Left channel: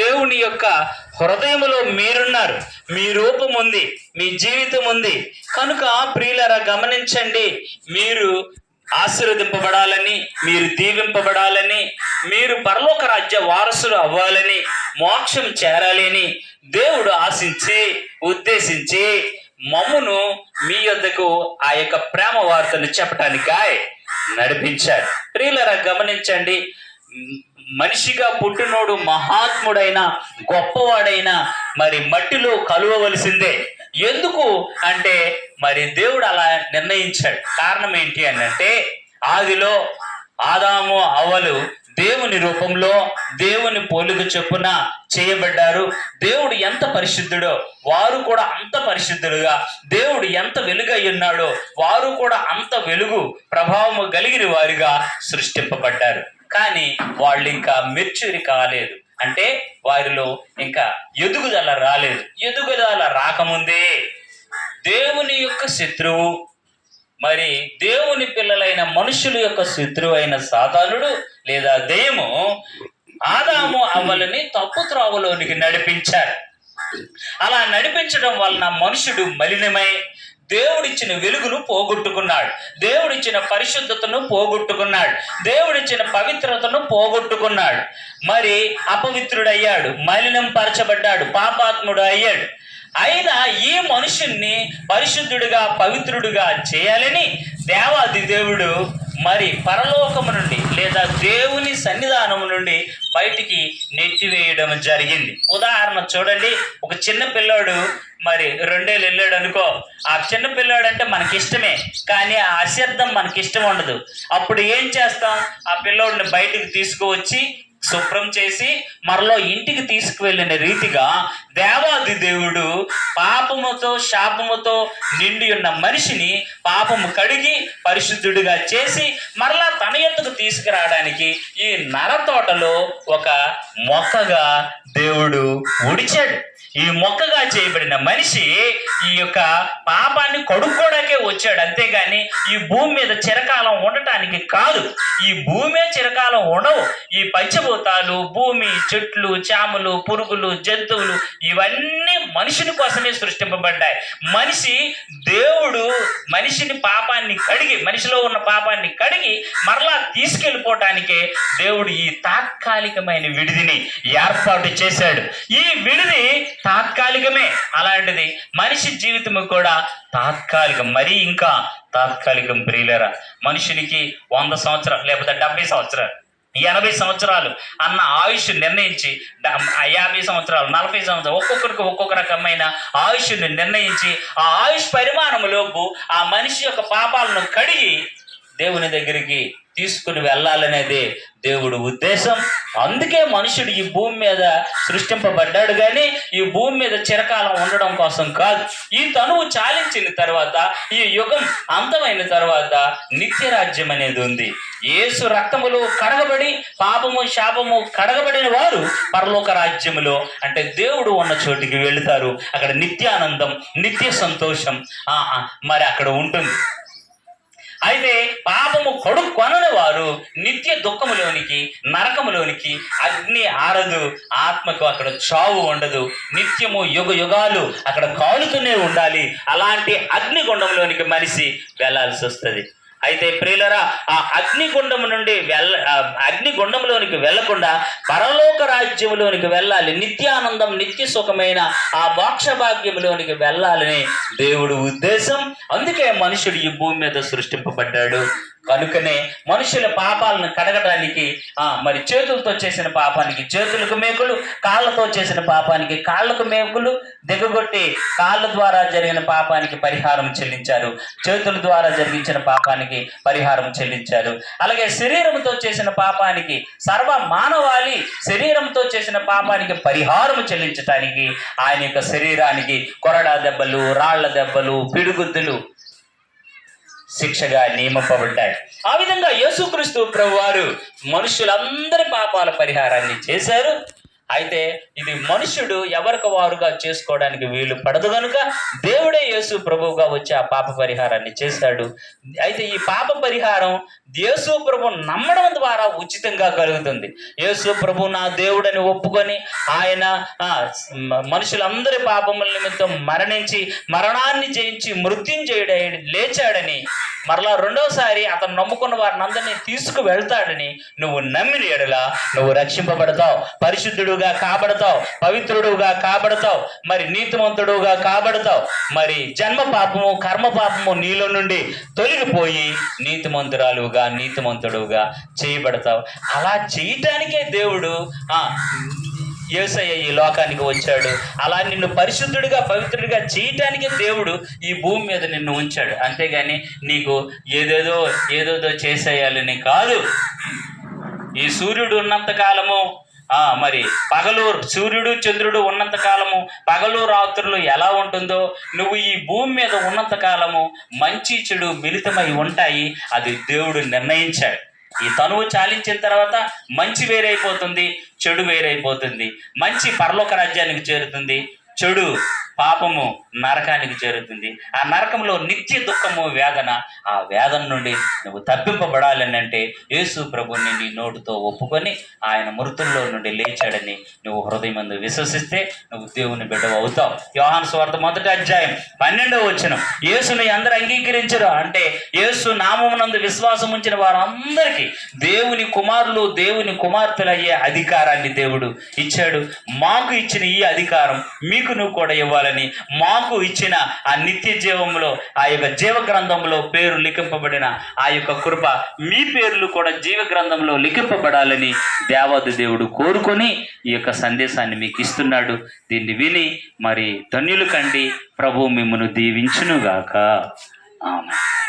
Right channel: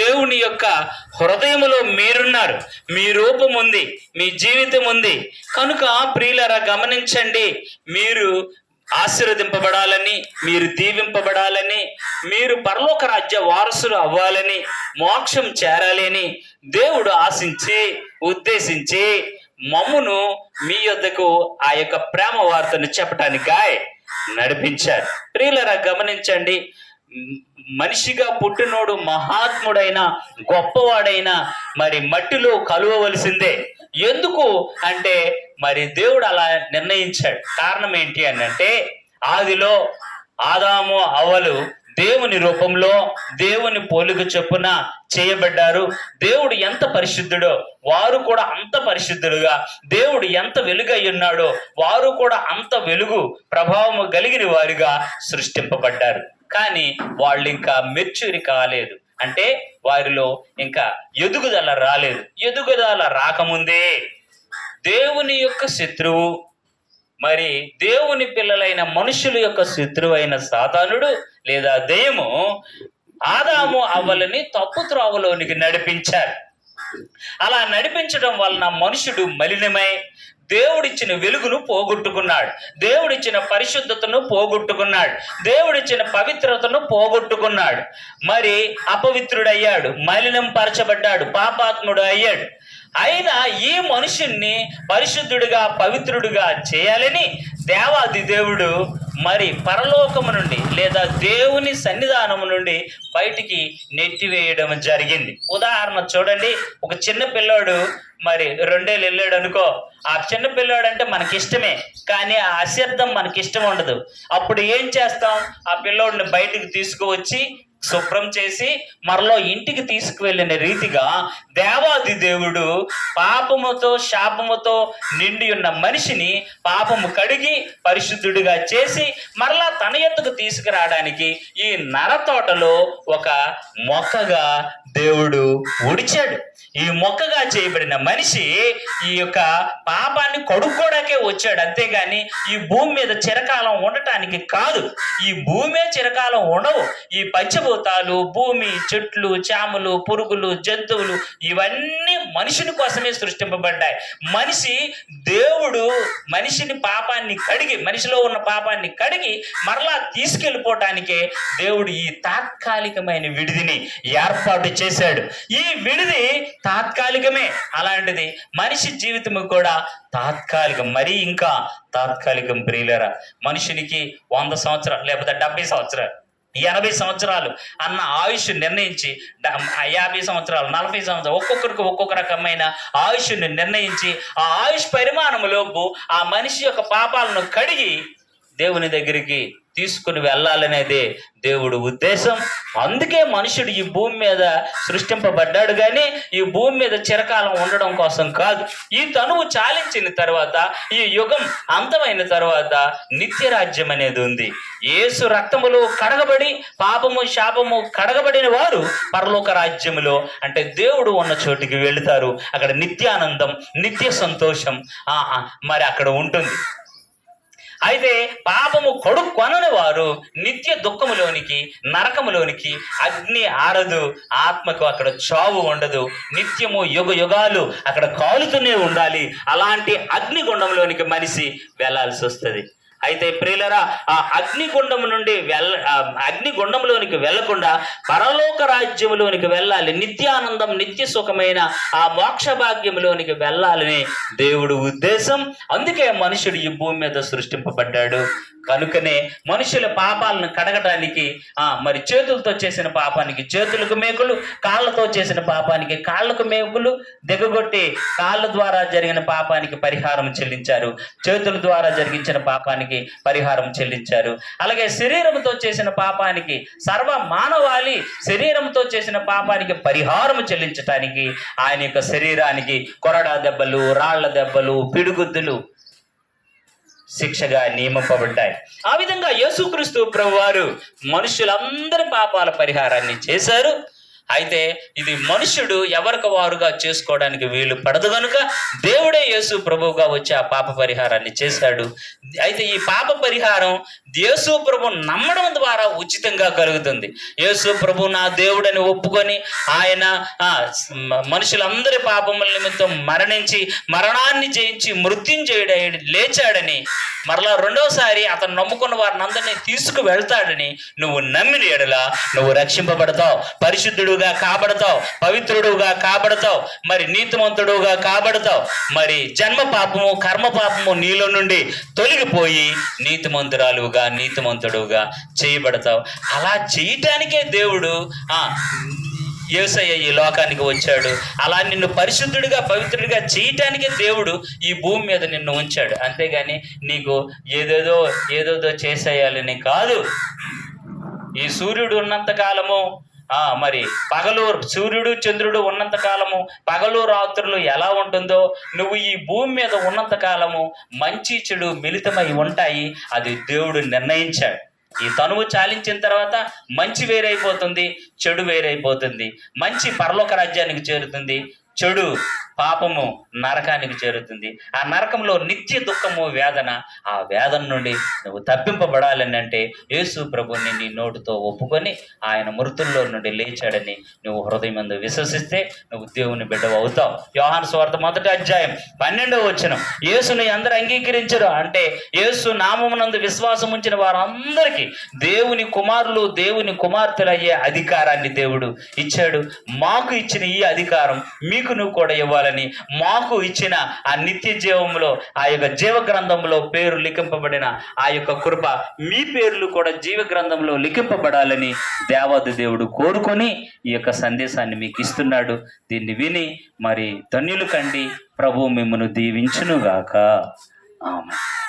దేవుని యొక్క హృదయములో మీరున్నారు, మీ రూపం ఉంది, మీ జీవితం ఉంది. కనుక ప్రియులారా గమనించండి, మీరు ఆశీర్వదింపబడాలని, మీరు దీవింపబడాలని, మీరు పరలోక రాజ్య వారసులు అవ్వాలని, మోక్షం చేరాలి అని దేవుడు ఆశించి ఉద్దేశించి మమ్మును మీ యొద్దకు ఆ యొక్క ప్రేమ వార్తను చెప్పటానికాయ నడిపించారు. ప్రియులారా గమనించండి, మనిషిగా పుట్టినోడు మహాత్ముడైన గొప్పవాడైనా మరి మట్టిలో కలువవలసిందే. ఎందుకు అంటే మరి దేవుడు అలా నిర్ణయించాడు. కారణం ఏంటి అని అంటే, ఆదిలో ఆదాము అవ్వలు దేవుని రూపంలో దేవుని పోలిక చొప్పున చేయబడ్డారు. దేవుడు ఎంత పరిశుద్ధుడో వారు కూడా అంత పరిశుద్ధులుగా, దేవుడు ఎంత వెలుగై ఉన్నాడో వారు కూడా అంత వెలుగు ప్రభావము కలిగిన వారిగా సృష్టింపబడ్డారు. కానీ వాళ్ళు ఇంకా మెచ్యూరి కాలేదు, అంటే వారిలో ఇంకా ఎదుగుదల రాలేదు. ఎదుగుదల రాకముందే దేవుని యొక్క శత్రువు, మరి దేవుని పిల్లలైన మనుషుల యొక్క శత్రువు అయిన సాతానుడు లేదా దెయ్యము ఆదాము అవ్వలని తప్పు త్రోవలోనికి నడిపించారు. అలా నడిపించడం వలన మనుషుడు మలినమై దేవుడిచ్చిన వెలుగును పోగొట్టుకున్నాడు, దేవుడిచ్చిన పరిశుద్ధతను పోగొట్టుకున్నాడు, దేవుడిచ్చిన పవిత్రతను పోగొట్టుకున్నాడు. మరి అపవిత్రుడయ్యాడు, మలినం పరచబడ్డాడు, పాపాత్ముడు అయ్యాడు. అయినా ఈ మనుషుణ్ణి పరిశుద్ధుడిగా పవిత్రుడిగా చేయాలని దేవాది దేవుడు మరి పరలోకము నుండి లేదా దేవుని సన్నిధానము నుండి బయటికి నెట్టివేయడం జరిగింది. ఉదాహరణ చూడండి, ఒక చిన్న పిల్లాడు మరి 2 ఏళ్ళు వెళ్ళాడు అనుకో. ఆ చిన్న పిల్లాడు అంటే మనకి ఇష్టమే, కానీ ఆ అశ్రద్ధం మనకి ఇష్టం ఉండదు. అప్పుడు ఏం చేస్తాం? ఆ పిల్లోడిని బయటికి తీసుకువచ్చి శుభ్రం చేసి మరలో ఇంటికి తీసుకువెళ్ళిన రీతిగా దేవాది దేవుడు పాపముతో శాపముతో నిండి ఉన్న మనిషిని పాపము కడిగి పరిశుద్ధుడిగా చేసి మరలా తన యొద్దకు తీసుకురావడానికి ఈ నరతోటలో ఒక మొక్కగా దేవుడు ఉడిచాడు. ఈ మొక్కగా చేయబడిన మనిషి ఈ యొక్క పాపాన్ని కడుక్కోవడానికే వచ్చాడు, అంతేగాని ఈ భూమి మీద చిరకాలం ఉండటానికి కాదు. ఈ భూమే చిరకాలం ఉండవు. ఈ పంచభూతాలు, భూమి, చెట్లు, చేమలు, పురుగులు, జంతువులు ఇవన్నీ మనిషిని కోసమే సృష్టింపబడ్డాయి. దేవుడు మనిషిని పాపాన్ని కడిగి, మనిషిలో ఉన్న పాపాన్ని కడిగి మరలా తీసుకెళ్ళిపోవటానికే దేవుడు ఈ తాత్కాలికమైన విడిదిని ఏర్పాటు చేశాడు. ఈ విడిది తాత్కాలికమే. అలాంటిది మనిషి జీవితం కూడా తాత్కాలికం, మరీ ఇంకా తాత్కాలికం. ప్రియులారా, మనుషునికి 100 సంవత్సరాలు లేకపోతే 70 సంవత్సరాలు 80 సంవత్సరాలు అన్న ఆయుష్ నిర్ణయించి 50 సంవత్సరాలు 40 సంవత్సరాలు ఒక్కొక్కరికి ఒక్కొక్క రకమైన ఆయుష్ని నిర్ణయించి ఆ ఆయుష్ పరిమాణంలోపు ఆ మనిషి యొక్క పాపాలను కడిగి దేవుని దగ్గరికి తీసుకుని వెళ్ళాలనేదే దేవుడు ఉద్దేశం. అందుకే మనుషుడు ఈ భూమి మీద సృష్టింపబడ్డాడు, కానీ ఈ భూమి మీద చిరకాలం ఉండడం కోసం కాదు. ఈ తనువు చాలించిన తర్వాత, ఈ యుగం అంతమైన తర్వాత నిత్యరాజ్యం అనేది ఉంది. యేసు రక్తములో కడగబడి పాపము శాపము కడగబడిన వారు పరలోక రాజ్యములో, అంటే దేవుడు ఉన్న చోటికి వెళుతారు. అక్కడ నిత్యానందం, నిత్య సంతోషం మరి అక్కడ ఉంటుంది. అయితే పాపము కొనని వారు నిత్య దుఃఖములోనికి, నరకములోనికి, అగ్ని ఆరదు, ఆత్మకు అక్కడ చావు ఉండదు, నిత్యము యుగ యుగాలు అక్కడ కాలుతూనే ఉండాలి. అలాంటి అగ్నిగుండంలోనికి మనిషి వెళ్ళాల్సి వస్తుంది. అయితే ప్రియులారా, ఆ అగ్నిగుండంలోనికి వెళ్లకుండా పరలోక రాజ్యములోనికి వెళ్ళాలి. నిత్యానందం, నిత్య సుఖమైన ఆ మోక్ష భాగ్యములోనికి వెళ్ళాలని దేవుడు ఉద్దేశం. అందుకే మనుషుడు ఈ భూమి మీద సృష్టింపబడ్డాడు. కనుకనే మనుషుల పాపాలను కడగటానికి మరి చేతులతో చేసిన పాపానికి చేతులకు మేకులు, కాళ్ళతో చేసిన పాపానికి కాళ్ళకు మేకులు దిగగొట్టి కాళ్ళ ద్వారా జరిగిన పాపానికి పరిహారం చెల్లించారు, చేతుల ద్వారా జరిగించిన పాపానికి పరిహారం చెల్లించారు. అలాగే శరీరంతో చేసిన పాపానికి, సర్వ మానవాళి శరీరంతో చేసిన పాపానికి పరిహారం చెల్లించటానికి ఆయన యొక్క శరీరానికి కొరడా దెబ్బలు, రాళ్ల దెబ్బలు, పిడుగుద్దులు శిక్షగా నియమింపబడ్డాయి. ఆ విధంగా యేసుక్రీస్తు ప్రభువారు మనుషులందరి పాపాల పరిహారాన్ని చేశారు. అయితే ఇది మనుషుడు ఎవరికి వారుగా చేసుకోవడానికి వీలు పడదు కనుక దేవుడే యేసు ప్రభువుగా వచ్చి ఆ పాప పరిహారాన్ని చేశాడు. అయితే ఈ పాప పరిహారం యేసు ప్రభు నమ్మడం ద్వారా ఉచితంగా కలుగుతుంది. యేసు ప్రభు నా దేవుడని ఒప్పుకొని ఆయన మనుషులందరి పాపముల నిమిత్తం మరణించి మరణాన్ని జయించి మృత్యుంజయుడై లేచాడని, మరలా రెండవసారి అతను నమ్ముకున్న వారిని అందరినీ తీసుకు వెళ్తాడని నువ్వు నమ్మిన ఎడల నువ్వు రక్షింపబడతావు, పరిశుద్ధుడుగా కాబడతావు, పవిత్రుడుగా కాబడతావు, మరి నీతిమంతుడుగా కాబడతావు. మరి జన్మ పాపము కర్మ పాపము నీలో నుండి తొలగిపోయి నీతిమంతురాలుగా నీతిమంతుడుగా చేయబడతావు. అలా చేయటానికే దేవుడు యేసయ్య ఈ లోకానికి వచ్చాడు. అలా నిన్ను పరిశుద్ధుడిగా పవిత్రుడిగా చేయటానికే దేవుడు ఈ భూమి మీద నిన్ను ఉంచాడు. అంతేగాని నీకు ఏదేదో చేసేయాలని కాదు. ఈ సూర్యుడు ఉన్నంత కాలము మరి పగలు సూర్యుడు చంద్రుడు ఉన్నంత కాలము పగలు రాత్రులు ఎలా ఉంటుందో నువ్వు ఈ భూమి మీద ఉన్నంత కాలము మంచి చెడు మిళితమై ఉంటాయి. అది దేవుడు నిర్ణయించాడు. ఈ తనువు చాలించిన తర్వాత మంచి వేరైపోతుంది, చెడు వేరైపోతుంది. మంచి పరలోక రాజ్యానికి చేరుతుంది, చెడు పాపము నరకానికి చేరుతుంది. ఆ నరకంలో నిత్య దుఃఖము వేదన. ఆ వేదన నుండి నువ్వు తప్పింపబడాలని అంటే యేసు ప్రభుని నీ నోటితో ఒప్పుకొని ఆయన మృతుల్లో నుండి లేచాడని నువ్వు హృదయమందు విశ్వసిస్తే నువ్వు దేవుని బిడ్డవు అవుతావు. యోహాను సువార్త 1వ అధ్యాయం 12వ వచనం, యేసుని అందరూ అంగీకరించరు అంటే యేసు నామమునందు విశ్వాసం ఉంచిన వారందరికీ దేవుని కుమారులు దేవుని కుమార్తెలయ్యే అధికారాన్ని దేవుడు ఇచ్చాడు. మాకు ఇచ్చిన ఈ అధికారం మీకు నువ్వు కూడా ఇవ్వాలి. మాకు ఇచ్చిన ఆ నిత్య జీవంలో ఆ యొక్క జీవ గ్రంథంలో పేరు లిఖింపబడిన ఆ యొక్క కృప మీ పేర్లు కూడా జీవ గ్రంథంలో లిఖింపబడాలని దేవాది దేవుడు కోరుకొని ఈ యొక్క సందేశాన్ని మీకు ఇస్తున్నాడు. దీన్ని విని మరి ధన్యులు కండి. ప్రభు మిమ్మల్ని దీవించునుగాక. ఆమేన్.